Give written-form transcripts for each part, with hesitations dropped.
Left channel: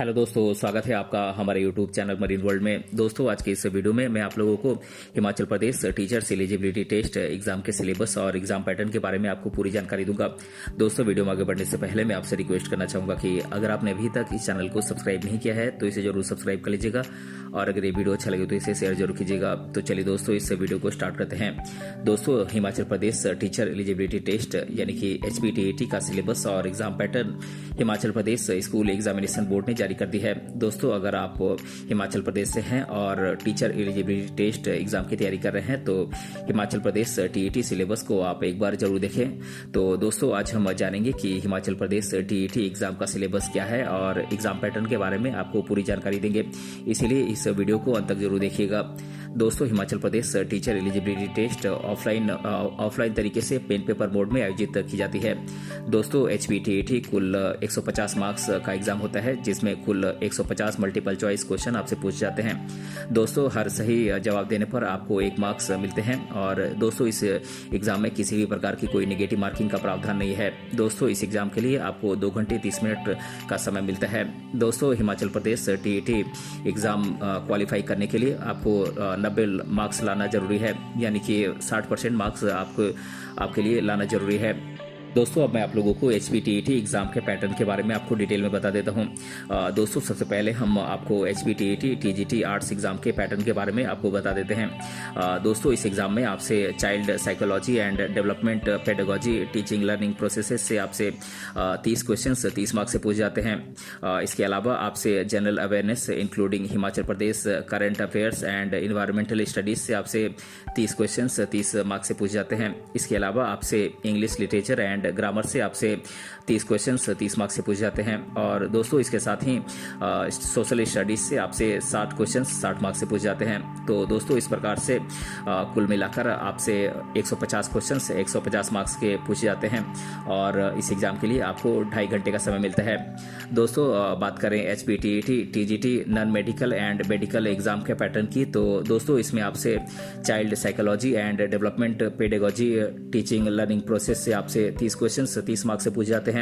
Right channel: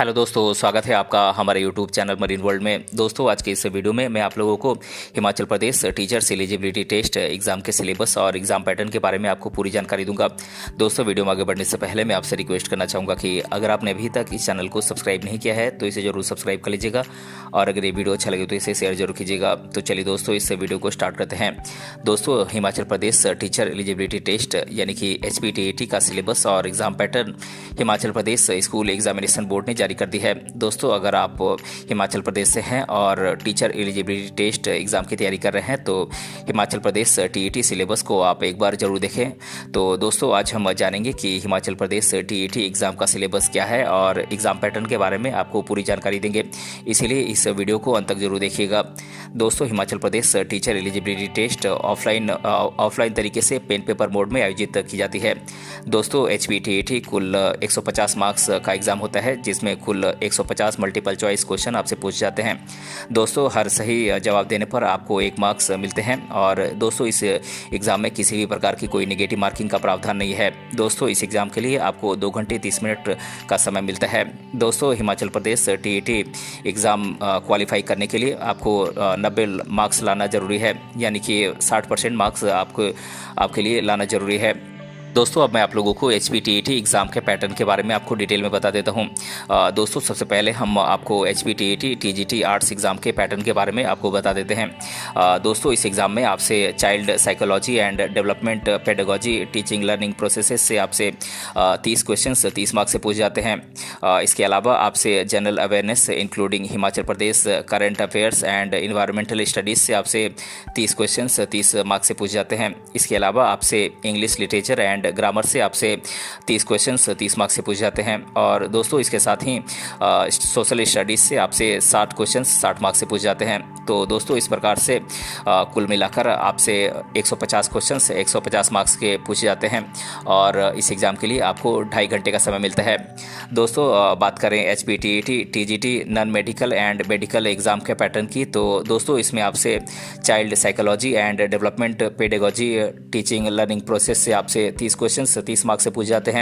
Hello दोस्तों, स्वागत है आपका हमारे यूट्यूब चैनल मरीन वर्ल्ड में। दोस्तों, आज की इस वीडियो में मैं आप लोगों को Himachal Pradesh teachers eligibility test exam के सिलेबस और एग्जाम पैटर्न के बारे में आपको पूरी जानकारी दूंगा। दोस्तों, वीडियो में आगे बढ़ने से पहले मैं आपसे रिक्वेस्ट करना चाहूँगा कि अगर आपने अभी तक इस चैनल को सब्सक्राइब नहीं किया है तो इसे जरूर सब्सक्राइब कर लीजिएगा और अगर ये वीडियो अच्छा लगे तो इसे शेयर जरूर कीजिएगा। तो चलिए दोस्तों, इस वीडियो को स्टार्ट करते हैं। दोस्तों, Himachal Pradesh teacher eligibility test यानी कि HPTET का सिलेबस और exam pattern Himachal Pradesh school examination board ने जारी कर दी है। दोस्तों, अगर आप हिमाचल प्रदेश से हैं और टीचर एलिजिबिलिटी टेस्ट एग्जाम की तैयारी कर रहे हैं तो हिमाचल प्रदेश TET सिलेबस को आप एक बार जरूर देखें। तो दोस्तों, आज हम जानेंगे कि हिमाचल प्रदेश TET एग्जाम का सिलेबस क्या है और एग्जाम पैटर्न के बारे में आपको पूरी जानकारी देंगे, इसीलिए इस वीडियो को अंत तक जरूर देखिएगा। दोस्तों, Himachal Pradesh teacher eligibility test offline तरीके से पेन पेपर मोड में आयोजित की जाती है। दोस्तों, HPTET कुल 150 मार्क्स का एग्जाम होता है, जिसमें कुल 150 मल्टीपल चॉइस क्वेश्चन आपसे पूछे जाते हैं। दोस्तों, हर सही जवाब देने पर आपको 1 मार्क्स मिलते हैं और दोस्तों इस एग्जाम में किसी भी प्रकार की कोई नेगेटिव मार्किंग का प्रावधान नहीं है। दोस्तों, इस एग्जाम के लिए आपको 2 घंटे 30 मिनट का समय मिलता है। दोस्तों, Himachal Pradesh TET exam qualify करने के लिए आपको 90 मार्क्स लाना जरूरी है, यानी कि 60% मार्क्स आपके लिए लाना जरूरी है। दोस्तों, अब मैं आप लोगों को HPTET एग्ज़ाम के पैटर्न के बारे में आपको डिटेल में बता देता हूं। दोस्तों, सबसे पहले हम आपको HPTET TGT आर्ट्स एग्ज़ाम के पैटर्न के बारे में आपको बता देते हैं। दोस्तों, इस एग्ज़ाम में आपसे child psychology and development pedagogy teaching learning processes से आपसे 30 क्वेश्चन 30 मार्क्स से पूछे जाते हैं। इसके अलावा आपसे general awareness including Himachal Pradesh current affairs and environmental studies से आपसे 30 क्वेश्चन 30 मार्क्स से पूछे जाते हैं। इसके अलावा आपसे इंग्लिश लिटरेचर एंड ग्रामर से आपसे 30 क्वेश्चंस 30 मार्क्स से पूछे जाते हैं। और दोस्तों, इसके साथ ही सोशल स्टडीज़ से आपसे 60 क्वेश्चंस 60 मार्क्स से पूछे जाते हैं। तो दोस्तों, इस प्रकार से कुल मिलाकर आपसे 150 क्वेश्चंस 150 मार्क्स के पूछे जाते हैं और इस एग्ज़ाम के लिए आपको 2.5 घंटे का समय मिलता है। दोस्तों, बात करें HPTET TGT non medical and medical exam के पैटर्न की, तो दोस्तों इसमें आपसे child psychology and development pedagogy teaching learning process से आपसे 30 क्वेश्चन 30 मार्क्स से पूछे जाते हैं।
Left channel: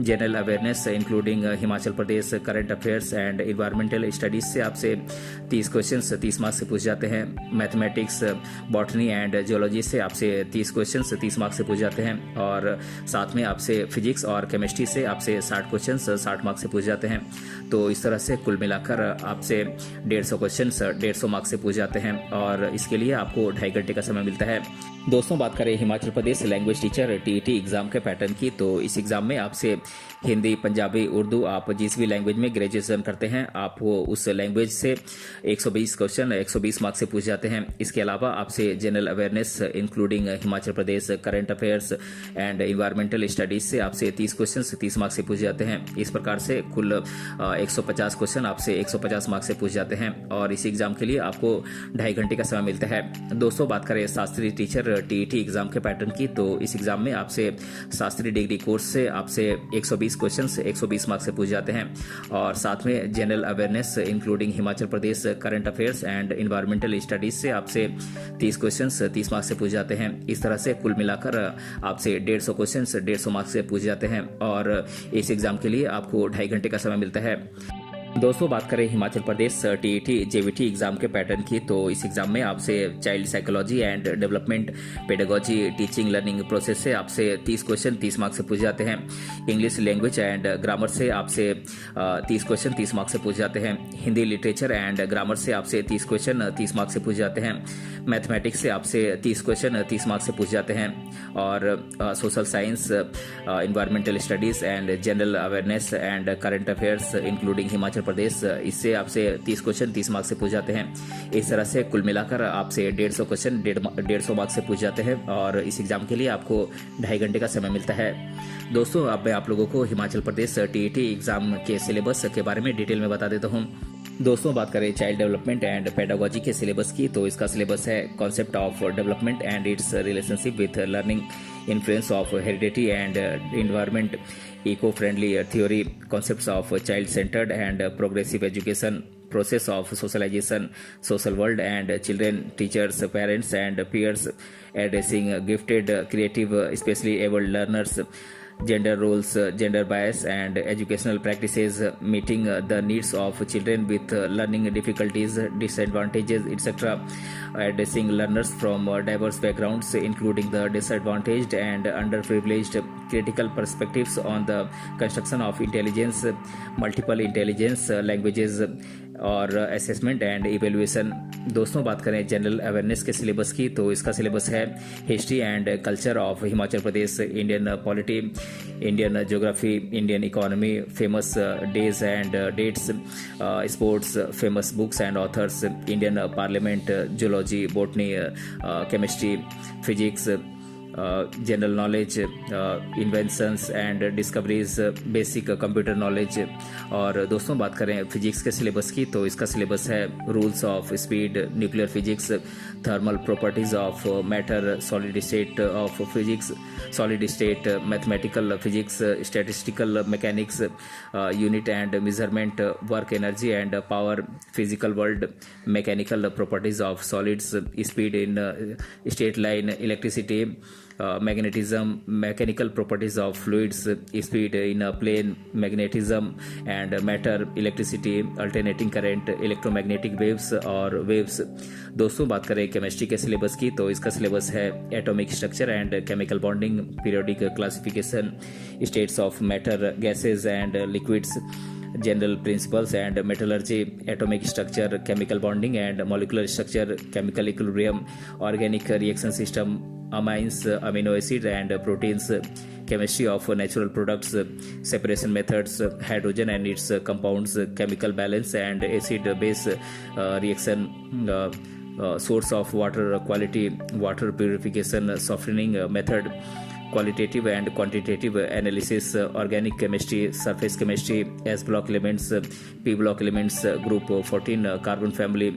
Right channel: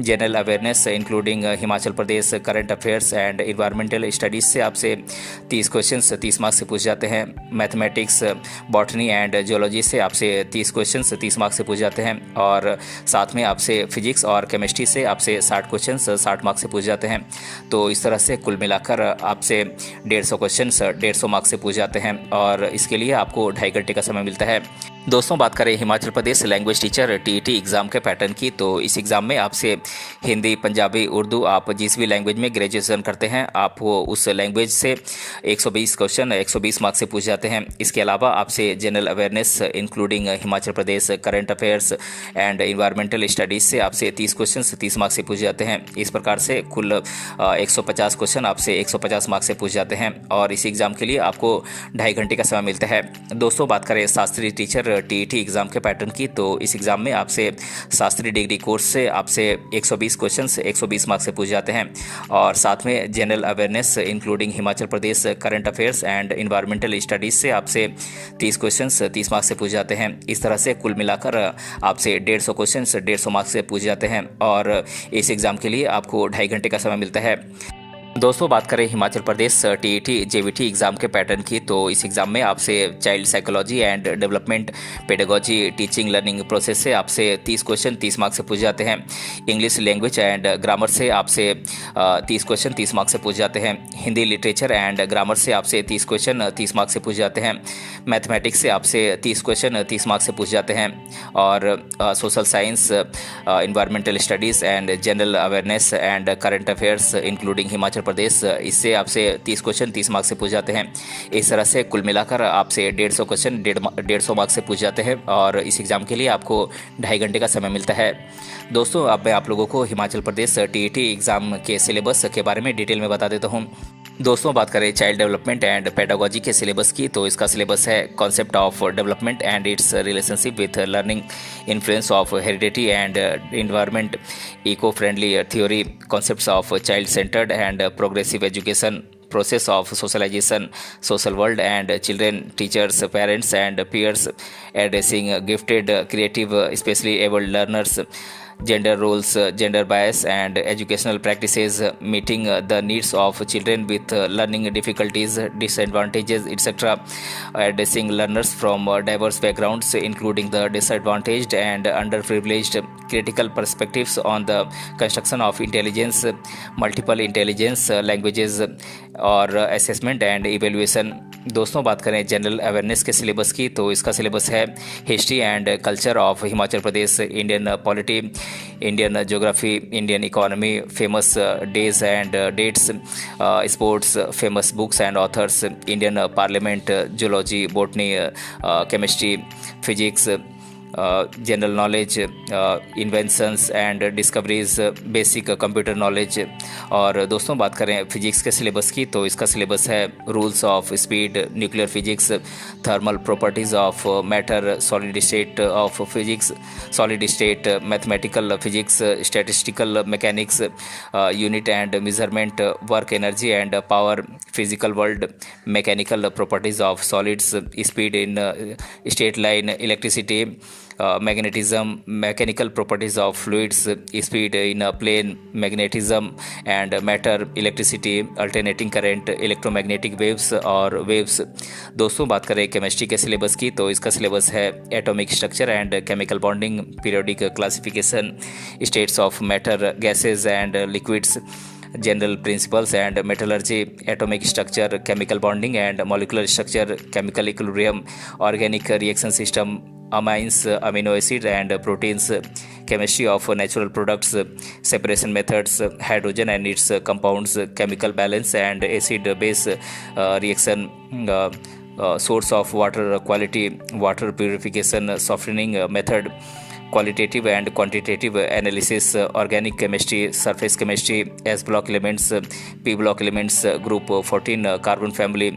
General awareness including Himachal Pradesh current affairs and environmental studies से आपसे 30 क्वेश्चन 30 मार्क्स से पूछे जाते हैं। मैथमेटिक्स बॉटनी एंड जियोलॉजी से आपसे 30 क्वेश्चन 30 मार्क्स से पूछे जाते हैं और साथ में आपसे फिजिक्स और केमिस्ट्री से आपसे 60 क्वेश्चन 60 मार्क्स से पूछे जाते हैं। तो इस तरह से कुल मिलाकर आपसे 150 क्वेश्चन 150 मार्क्स से पूछे जाते हैं और इसके लिए आपको 2.5 घंटे का समय मिलता है। दोस्तों, बात करें Himachal Pradesh language teacher TET exam के पैटर्न की, तो इस एग्ज़ाम में आपसे हिंदी, पंजाबी, उर्दू, आप जिस भी लैंग्वेज में ग्रेजुएशन करते हैं आपको उस लैंग्वेज से 120 क्वेश्चन 120 मार्क्स से पूछे जाते हैं। इसके अलावा आपसे general awareness including Himachal Pradesh current affairs and environmental studies से आपसे 30 क्वेश्चन 30 मार्क्स से पूछे जाते हैं। इस प्रकार से कुल 150 क्वेश्चन आपसे 150 मार्क्स से पूछे जाते हैं और इस एग्ज़ाम के लिए आपको 2.5 घंटे का समय मिलता है। दोस्तों, बात करें शास्त्री टीचर TET एग्ज़ाम के पैटर्न की, तो इस एग्ज़ाम में आपसे शास्त्री डिग्री कोर्स से आपसे 120 क्वेश्चन 120 मार्क्स से पूछे जाते हैं और साथ में general awareness including Himachal Pradesh current affairs and environmental studies से आपसे 30 क्वेश्चन 30 मार्क्स से पूछे जाते हैं। इस तरह से कुल मिलाकर आपसे 150 क्वेश्चन 150 मार्क्स से पूछे जाते हैं और इस एग्ज़ाम के लिए आपको 2.5 घंटे का समय मिलता है। दोस्तों, बात करें Himachal Pradesh TET JVT exam के पैटर्न की, तो इस एग्ज़ाम में आपसे child psychology and development pedagogy teaching learning process से आपसे 30 क्वेश्चन 30 मार्क्स से पूछे जाते हैं। इंग्लिश लैंग्वेज एंड ग्रामर से आपसे 30 क्वेश्चन 30 मार्क्स से पूछे जाते हैं। हिंदी लिटरेचर एंड ग्रामर से आपसे 30 क्वेश्चन 30 मार्क्स से पूछे जाते हैं। मैथमेटिक्स से आपसे 30 क्वेश्चन 30 मार्क्स से पूछे जाते हैं और social science, environmental studies and general awareness and current affairs including Himachal Pradesh, इससे आपसे 30 क्वेश्चन 30 मार्क्स से पूछे जाते हैं। इस तरह से कुल मिलाकर आपसे 150 क्वेश्चन 150 मार्क्स से पूछे जाते हैं और इस एग्ज़ाम के लिए आपको 2.5 घंटे का समय मिलता है। दोस्तों, अब मैं आप लोगों को हिमाचल प्रदेश TET एग्ज़ाम के सिलेबस के बारे में डिटेल में बता देता हूँ। दोस्तों, बात करें चाइल्ड डेवलपमेंट एंड पेडागोजी के सिलेबस की, तो इसका सिलेबस है concept of development and its relationship with learning, influence of heredity and environment, eco friendly theory, concepts of child centred and progressive education, process of socialization, social world and children, teachers, parents and peers, addressing gifted, creative, especially able learners, gender roles, gender bias, and educational practices meeting the needs of children with learning difficulties, disadvantages, etc. Addressing learners from diverse backgrounds, including the disadvantaged and underprivileged, critical perspectives on the construction of intelligence, multiple intelligence, languages और assessment and evaluation. दोस्तों बात करें general awareness के syllabus की, तो इसका syllabus है history and culture of Himachal Pradesh, Indian polity, Indian geography, Indian economy, famous days and dates, sports, famous books and authors, Indian parliament, zoology, botany, chemistry, physics, general knowledge, inventions and discoveries, basic computer knowledge. और दोस्तों बात करें physics के syllabus की, तो इसका syllabus है rules of speed, nuclear physics, thermal properties of matter, solid state of physics, solid state, mathematical physics, statistical mechanics, unit and measurement, work energy and power, physical world, mechanical properties of solids, speed in straight line, electricity, magnetism, mechanical properties of fluids, speed in a plane, magnetism and matter, electricity, alternating current, electromagnetic waves और waves। दोस्तों बात करें chemistry के syllabus की, तो इसका syllabus है atomic structure and chemical bonding, periodic classification, states of matter, gases and liquids, general principles and metallurgy, atomic structure, chemical bonding and molecular structure, chemical equilibrium, organic reaction system, amines, amino acid and proteins, chemistry of natural products, separation methods, hydrogen and its compounds, chemical balance and acid base reaction, source of water quality, water purification, softening method, qualitative and quantitative analysis, organic chemistry, surface chemistry, S block elements, P block elements, group 14 carbon family,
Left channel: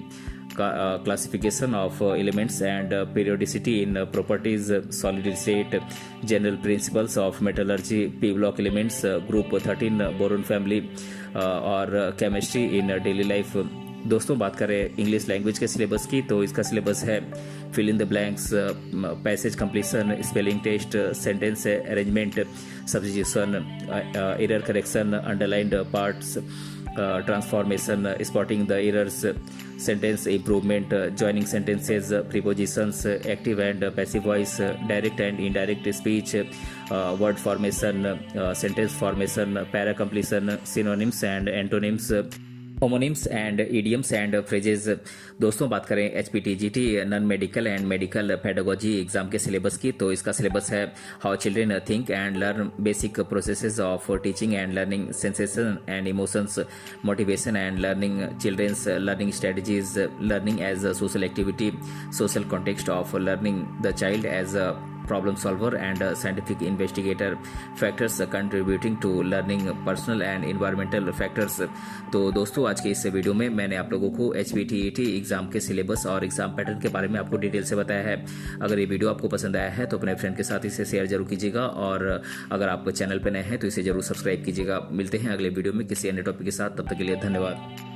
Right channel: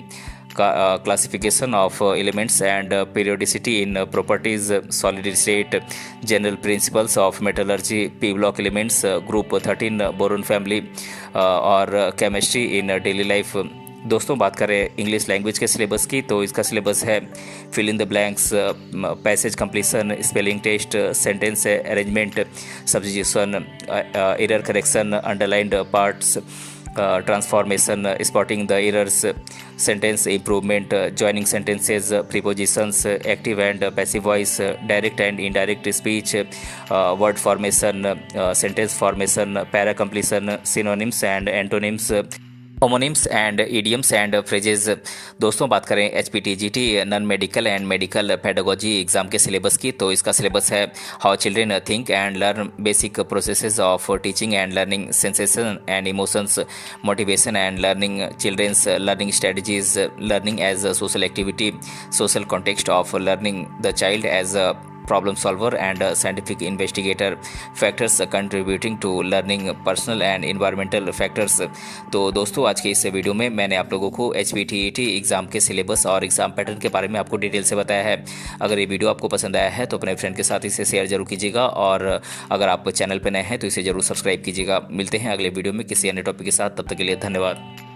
classification of elements and periodicity in properties, solid state, general principles of metallurgy, P block elements, group 13 boron family, और chemistry in daily life। दोस्तों बात करें English language के syllabus की, तो इसका syllabus है fill in the blanks, passage completion, spelling test, sentence arrangement, substitution, error correction, underlined parts, transformation, spotting the errors, sentence improvement, joining sentences, prepositions, active and passive voice, direct and indirect speech, word formation, sentence formation, para completion, synonyms and antonyms, homonyms and idioms and phrases. दोस्तों बात करें HPTGT non medical and medical pedagogy exam के syllabus की, तो इसका syllabus है how children think and learn, basic processes of teaching and learning, sensation and emotions, motivation and learning, children's learning strategies, learning as a social activity, social context of learning, the child as a problem solver and scientific investigator, factors contributing to learning, personal and environmental factors। तो दोस्तों आज के इस video में मैंने आप लोगों को HPTET एग्जाम के सिलेबस और एग्जाम पैटर्न के बारे में आपको डिटेल से बताया है। अगर ये वीडियो आपको पसंद आया है तो अपने फ्रेंड के साथ इसे शेयर जरूर कीजिएगा, और अगर आप चैनल पर नए हैं तो इसे जरूर सब्सक्राइब कीजिएगा। मिलते हैं अगले वीडियो में किसी अन्य टॉपिक के साथ, तब तक के लिए धन्यवाद।